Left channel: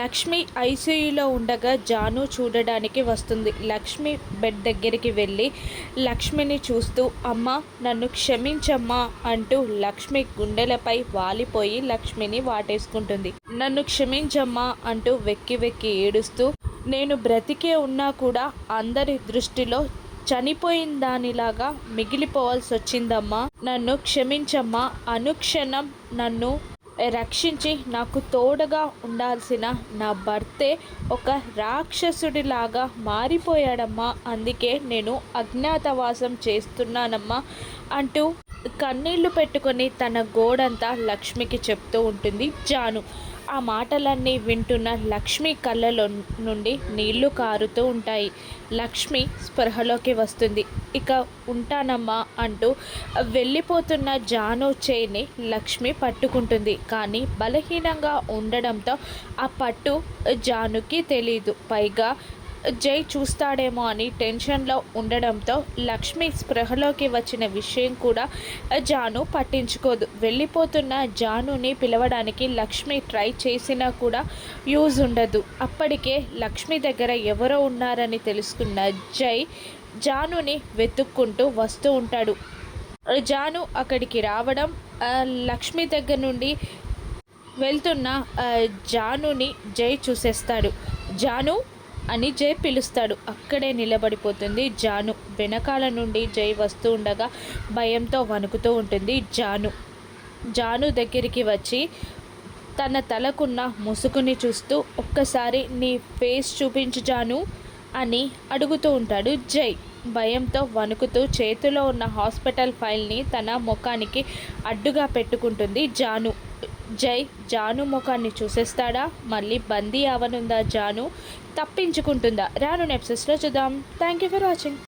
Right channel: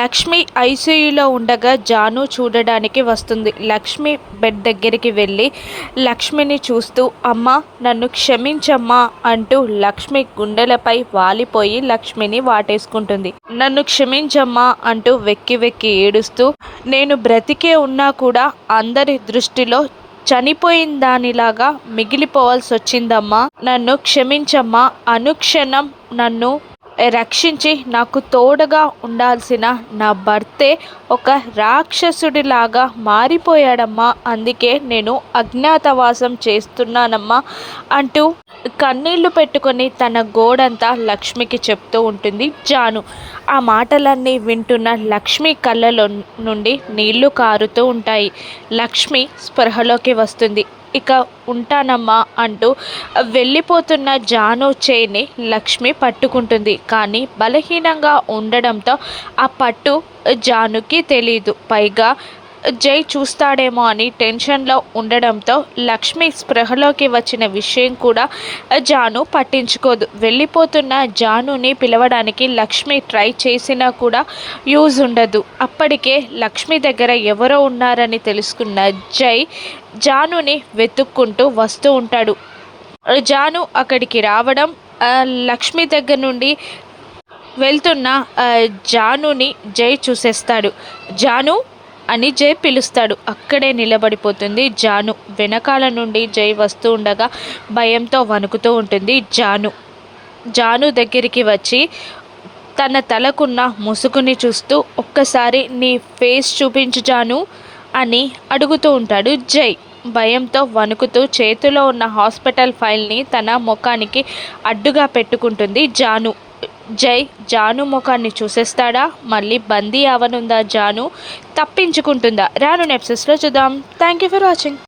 లక్ష్మి ఐసీయూలో ఉండగా జాను చూడడానికి వస్తుంది. లక్ష్మి బెడ్ దగ్గరికి వెళ్ళి లక్ష్మిని చూస్తూ అమ్మా నన్ను క్షమించమ్మా అంటూ లక్ష్మి గుండెలపై వాలిపోయి లక్ష్మిని వాటేసుకుంటుంది. నన్ను క్షమించమ్మా అంటూ వెక్కి వెక్కి ఏడుస్తూ నేను బ్రతికే ఉన్నా కూడా అందరి దృష్టిలో చనిపోయిన దానిలాగా మిగిలిపోవాల్సి వచ్చిందమ్మా, నన్ను క్షమించమ్మా, అనుక్షణం నన్ను రక్షించి నాకు తోడుగా ఉండాల్సిన నా భర్తే ఒక రాక్షసుడిలాగా మారిపోయాడమ్మా, అందుకే నేను అజ్ఞాతవాసం చేస్తున్నానమ్మా అంటూ కన్నీళ్లు పెట్టుకొని తన గోడంతా లక్ష్మికి చెప్తూ ఉంటుంది జాను. ఆ మాటలన్నీ వింటున్న లక్ష్మి కళ్ళలో నుండి నీళ్లు కారుతూ ఉంటాయి. లక్ష్మి స్పృహలోకి వస్తుంది. ఇక ఉంటానమ్మా అంటూ వెళ్ళిపోతున్న జాను చేయిని లక్ష్మి పట్టుకుంటుంది. కానీ బలహీనంగా ఉండడంతో ఆ పట్టు జానుకి తెలీదు. పైగా జై చూస్తాడేమో అని టెన్షన్లో ఉండడంతో లక్ష్మి స్పృహలోకి వచ్చిన విషయం కూడా జాను పట్టించుకోదు. వెళ్ళిపోతున్న జానుని పిలవడానికి లక్ష్మి ట్రై చేసినా కూడా యూజ్ ఉండదు. అప్పటికే లక్ష్మి దగ్గర ఎవరో ఉన్నారని తెలుసుకున్న జై జానుని వెతుక్కుంటూ వస్తూ ఉంటాడు. జాను అక్కడికి రావడం, లక్ష్మి దగ్గర నుండి వెళ్తున్న జానుని జై చూసేస్తాడు. జాను అని జై పిలుస్తాడు. అక్కడే నిలబడిపోతుంది జాను. వెనకాల నుండి జై వస్తూ ఉండగా భయంతో వణుకుతూ ఉంటుంది జాను. జాను దగ్గరికి వచ్చి తన తలకున్న ముసుగుని చూస్తూ ఒక్కసారి నీ ఫేస్ చూపించు జాను అని అడుగుతూ ఉంటాడు జై. భయంతో వణుకుతూ చేతిలో ఉన్న హాస్పిటల్ ఫైల్ని తన ముఖానికి అడ్డుగా పెట్టుకుంటుంది జాను. జై జాను ముఖాన్ని చూసేస్తాడా? మళ్ళీ బందీ అవనుందా జాను? తప్పించుకుంటుందా? రాను ఎపిసోడ్స్లో చూద్దాం. Thank you for watching.